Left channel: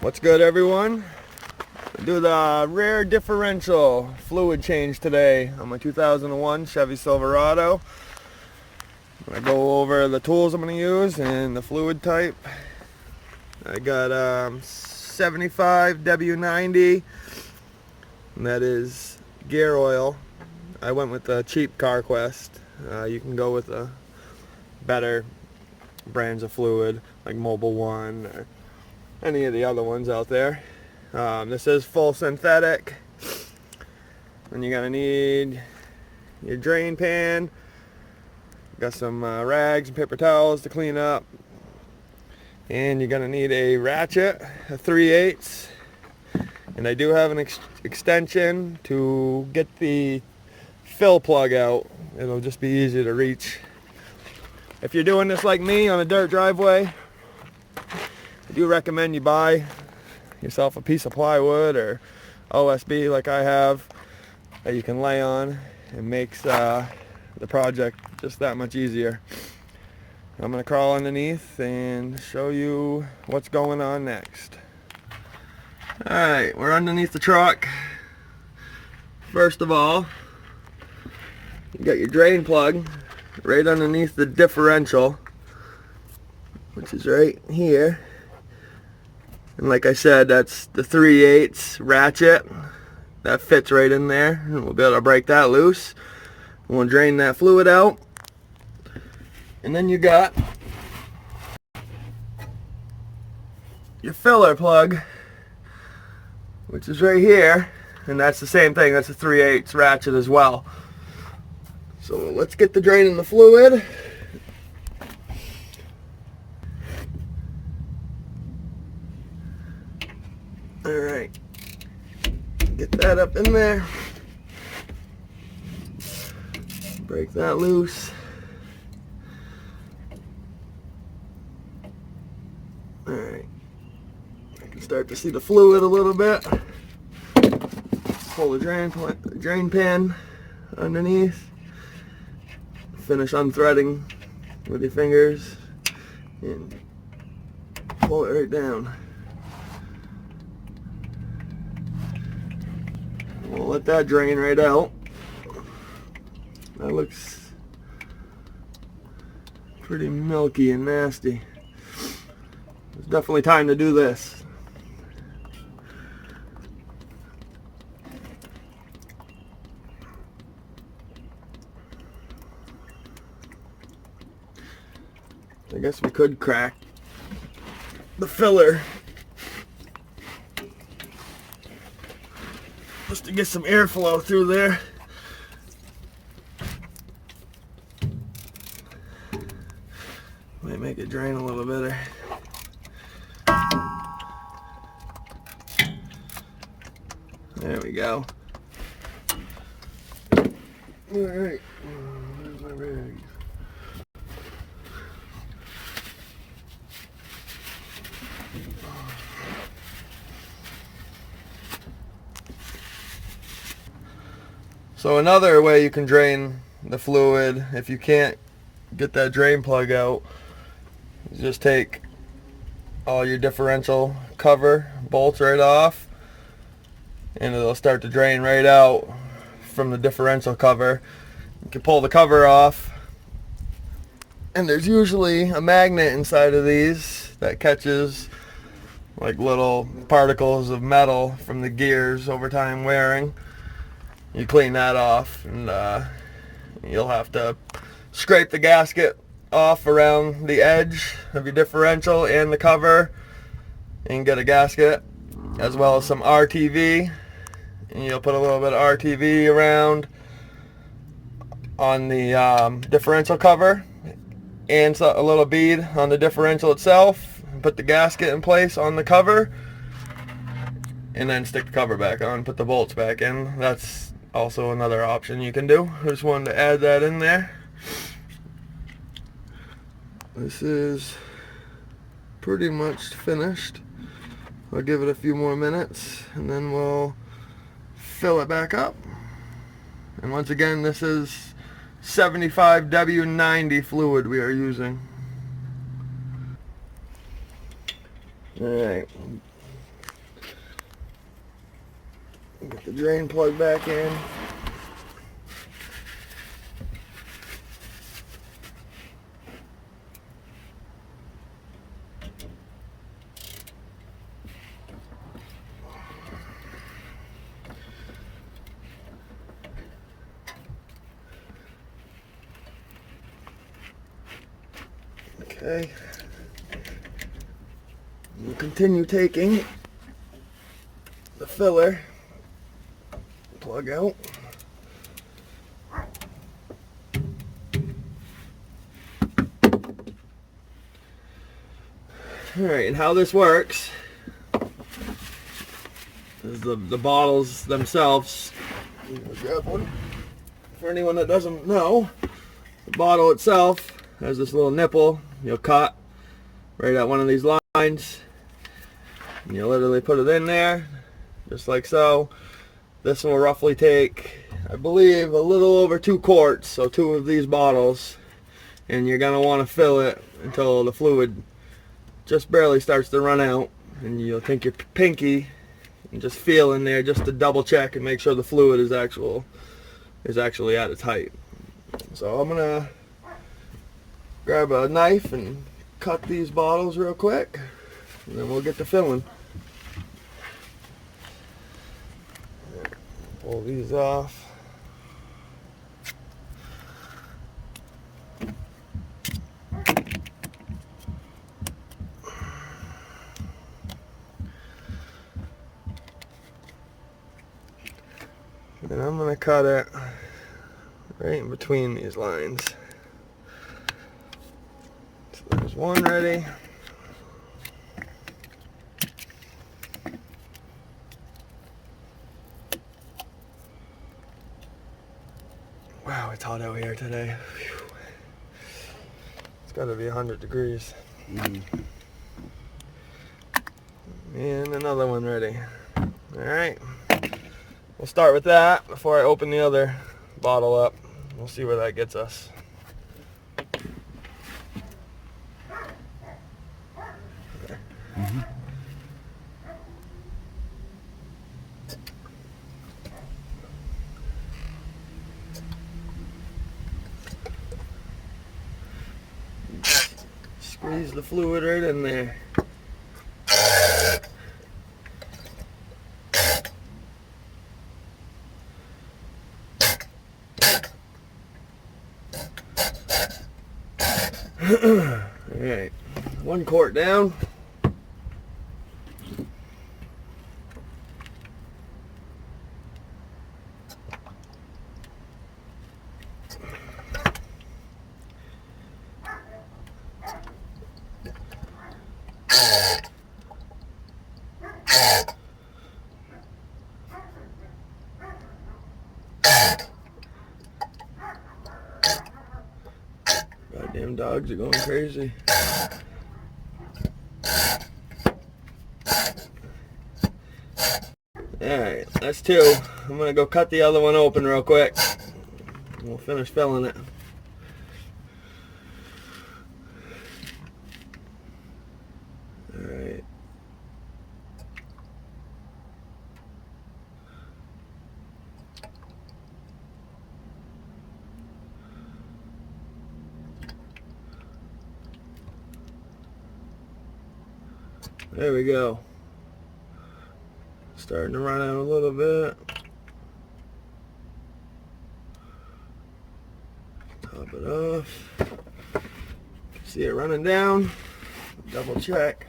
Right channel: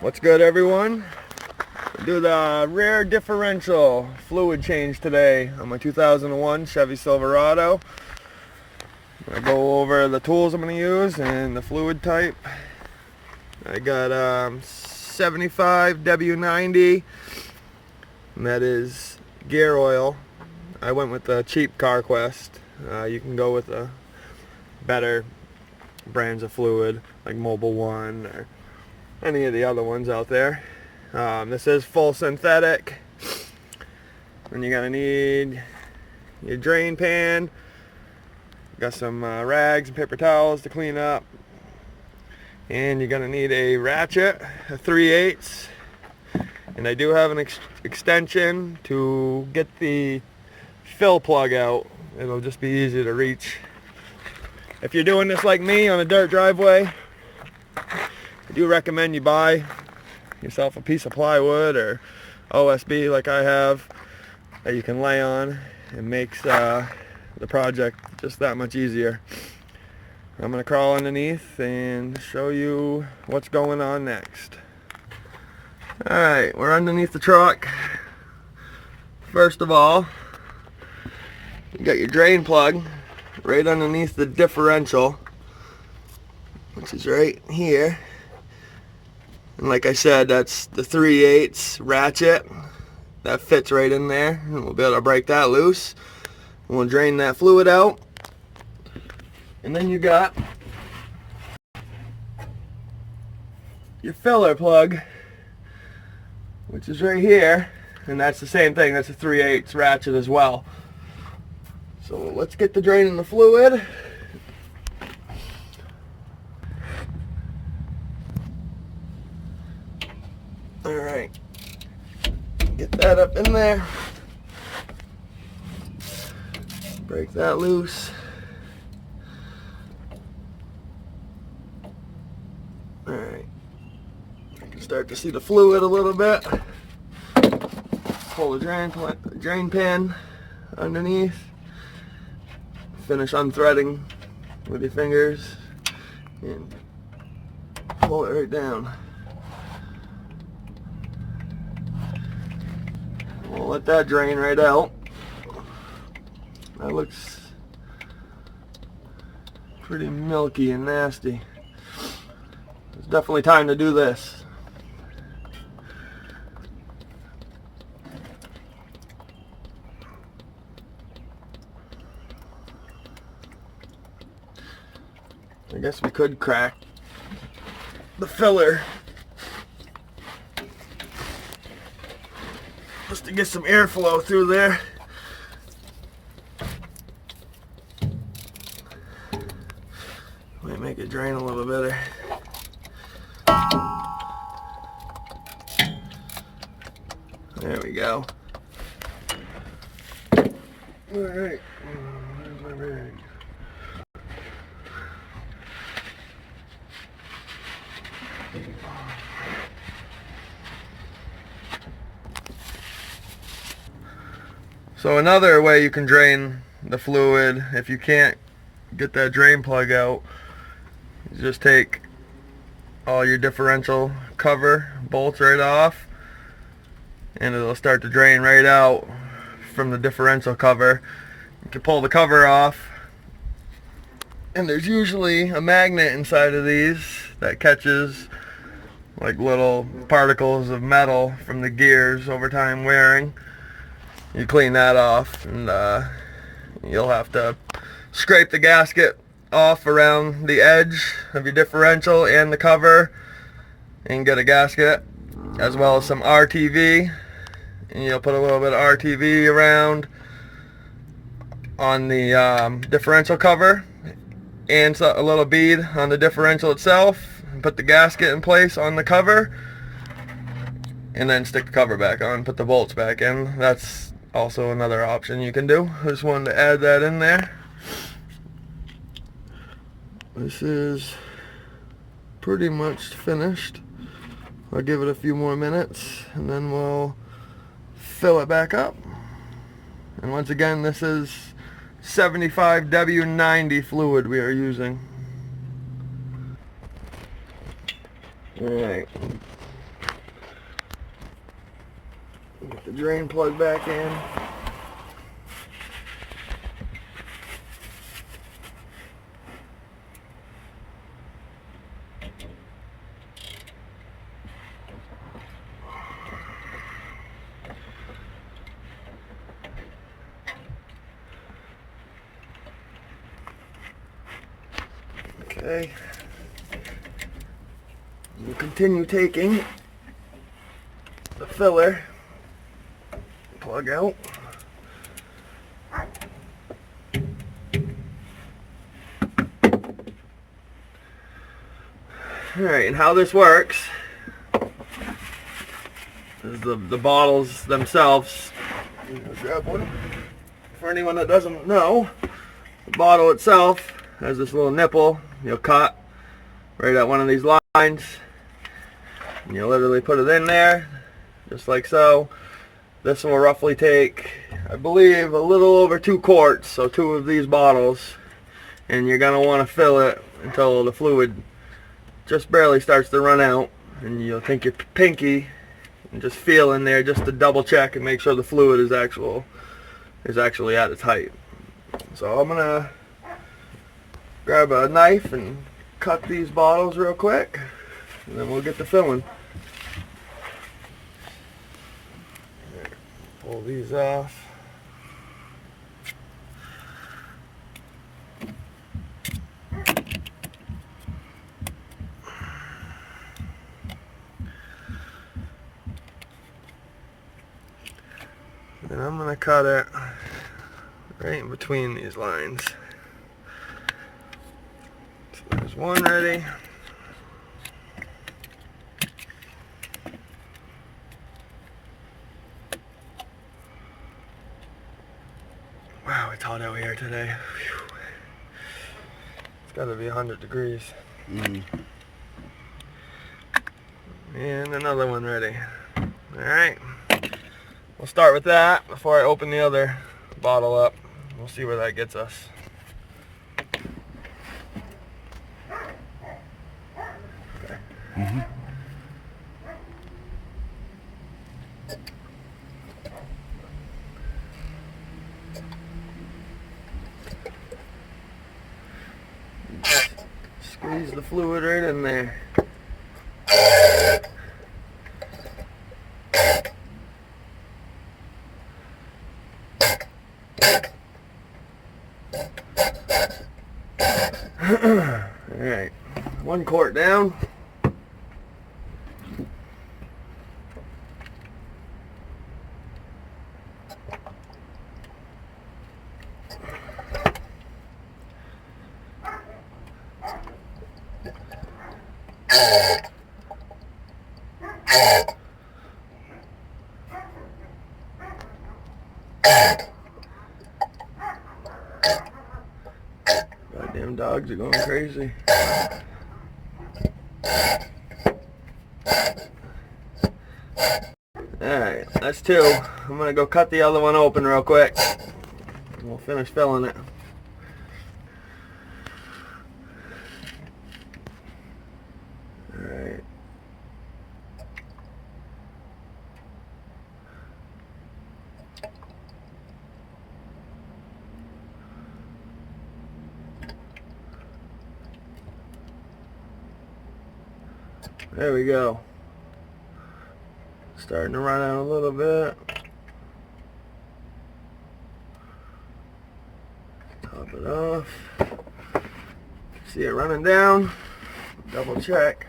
What's good, everyone? We do the rear differential fluid change today on my 2001 Chevy Silverado. I go over the tools I'm going to use and the fluid type. I got 75 W90, and that is gear oil. I went with the cheap CarQuest. You can go with the better brands of fluid like Mobile One or any of the other ones out there. This is full synthetic. And you're gonna need your drain pan. Got some rags and paper towels to clean up. And you're gonna need a ratchet, a 3/8. And I do have an extension to get the fill plug out. It'll just be easier to reach. If you're doing this like me on a dirt driveway, I do recommend you buy yourself a piece of plywood or OSB like I have that you can lay on. It makes the project just that much easier. I'm going to crawl underneath and show you what's going on next. Alright, we're underneath the truck. First of all, you got your drain plug right underneath the differential, which is right here. And like I said, that's the 3/8 ratchet. That fits right in there. And we'll be able to break that loose. We'll drain that fluid out. And then you got your filler plug, which is right here. And that's the same thing. That's a 3/8 ratchet as well. So let's get the drain in the fluid. Alright, get that up in there, break that loose. Alright, you can start to see the fluid a little bit. Pull the drain pan underneath, finish unthreading with your fingers, and pull it right down. We'll let that drain right out. That looks pretty milky and nasty. It's definitely time to do this. I guess we could crack the filler just to get some airflow through there. Might make it drain a little better. There we go. Alright, where's my bag? So another way you can drain the fluid if you can't get that drain plug out is just take all your differential cover bolts right off, and it'll start to drain right out from the differential cover. You can pull the cover off, and there's usually a magnet inside of these that catches like little particles of metal from the gears over time wearing. You clean that off, and you'll have to scrape the gasket off around the edge of your differential and the cover and get a gasket, as well as some RTV, and you'll put a little bit of RTV around on the differential cover and a little bead on the differential itself, and put the gasket in place on the cover, and then stick the cover back on, put the bolts back in. That's also another option you can do. I just wanted to add that in there. This is pretty much finished. I'll give it a few more minutes and then we'll fill it back up. And once again, this is 75 W90 fluid we are using. Alright, Get the drain plug back in. Okay. We'll continue taking the filler plug out. Alright, and how this works is the bottles themselves. Grab one. For anyone that doesn't know, the bottle itself has this little nipple you'll cut right at one of these lines. And you literally put it in there, just like so. This will roughly take, I believe, a little over 2 quarts, so 2 of these bottles. And you're going to want to fill it until the fluid just barely starts to run out. And you'll take your pinky and just feel in there just to double check and make sure the fluid is actually at its height. So I'm going to grab a knife and cut these bottles real quick, and then we'll get to filling. Pull these off. And I'm going to cut it right in between these lines. So there's one ready. Wow, it's hot out here today. Whew. It's got to be 100 degrees. And another one ready. Alright. We'll start with that before I open the other bottle up. We'll see where that gets us. Okay. Squeeze the fluid right in there. Alright, 1 quart down. Goddamn dogs are going crazy. Alright, that's 2. I'm going to go cut the other one open real quick. We'll finish filling it. Alright. There we go. Starting to run out a little bit. Top it off. See it running down. Double check.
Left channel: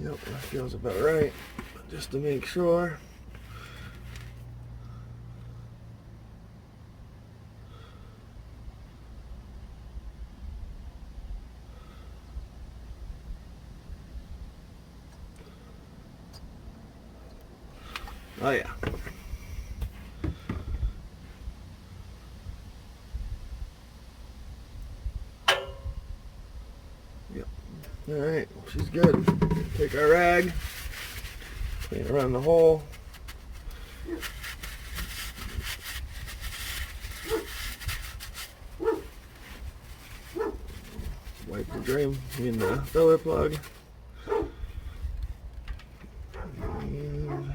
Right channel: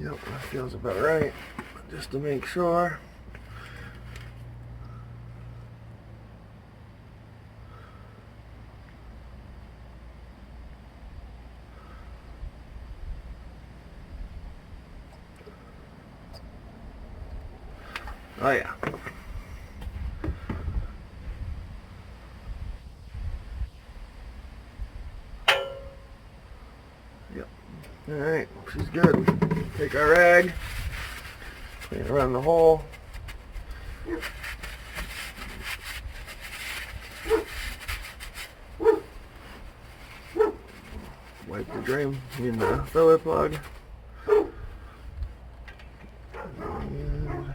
Yep, that feels about right. Just to make sure. Oh yeah. Yep. Alright, she's good. Take our rag, clean it around the hole. wipe the drain in the filler plug. And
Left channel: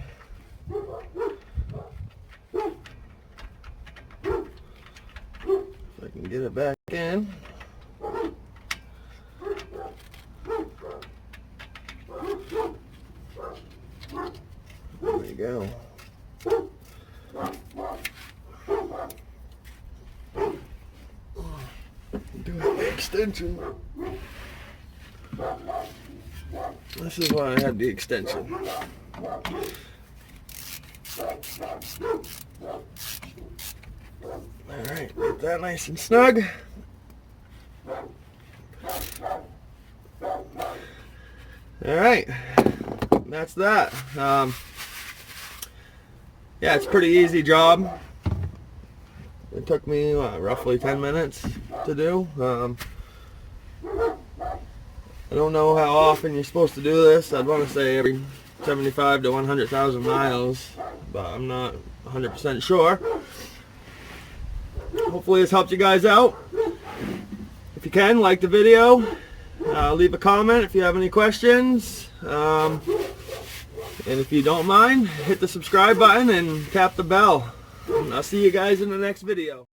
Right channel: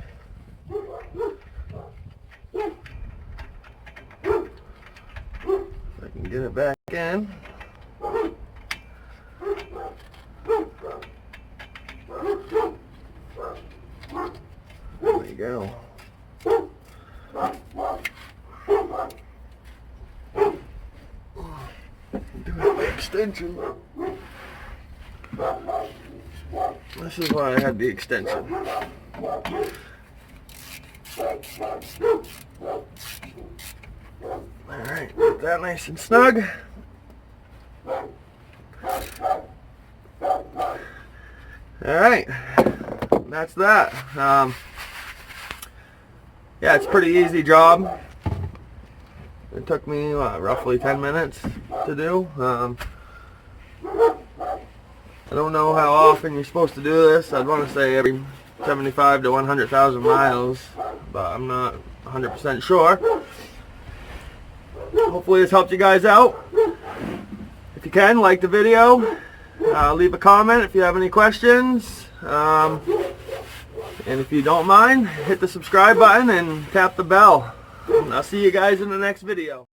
I can get it back in. There we go. Do the extension. This is why I had the extension. Alright, get that nice and snug. Alright, that's that. Yeah, it's a pretty easy job. It took me roughly 10 minutes to do. I don't know how often you're supposed to do this. I'd want to say every 75 to 100,000 miles, but I'm not 100% sure. Hopefully this helped you guys out. If you can, like the video. Leave a comment if you have any questions. And if you don't mind, hit the subscribe button and tap the bell. I'll see you guys in the next video.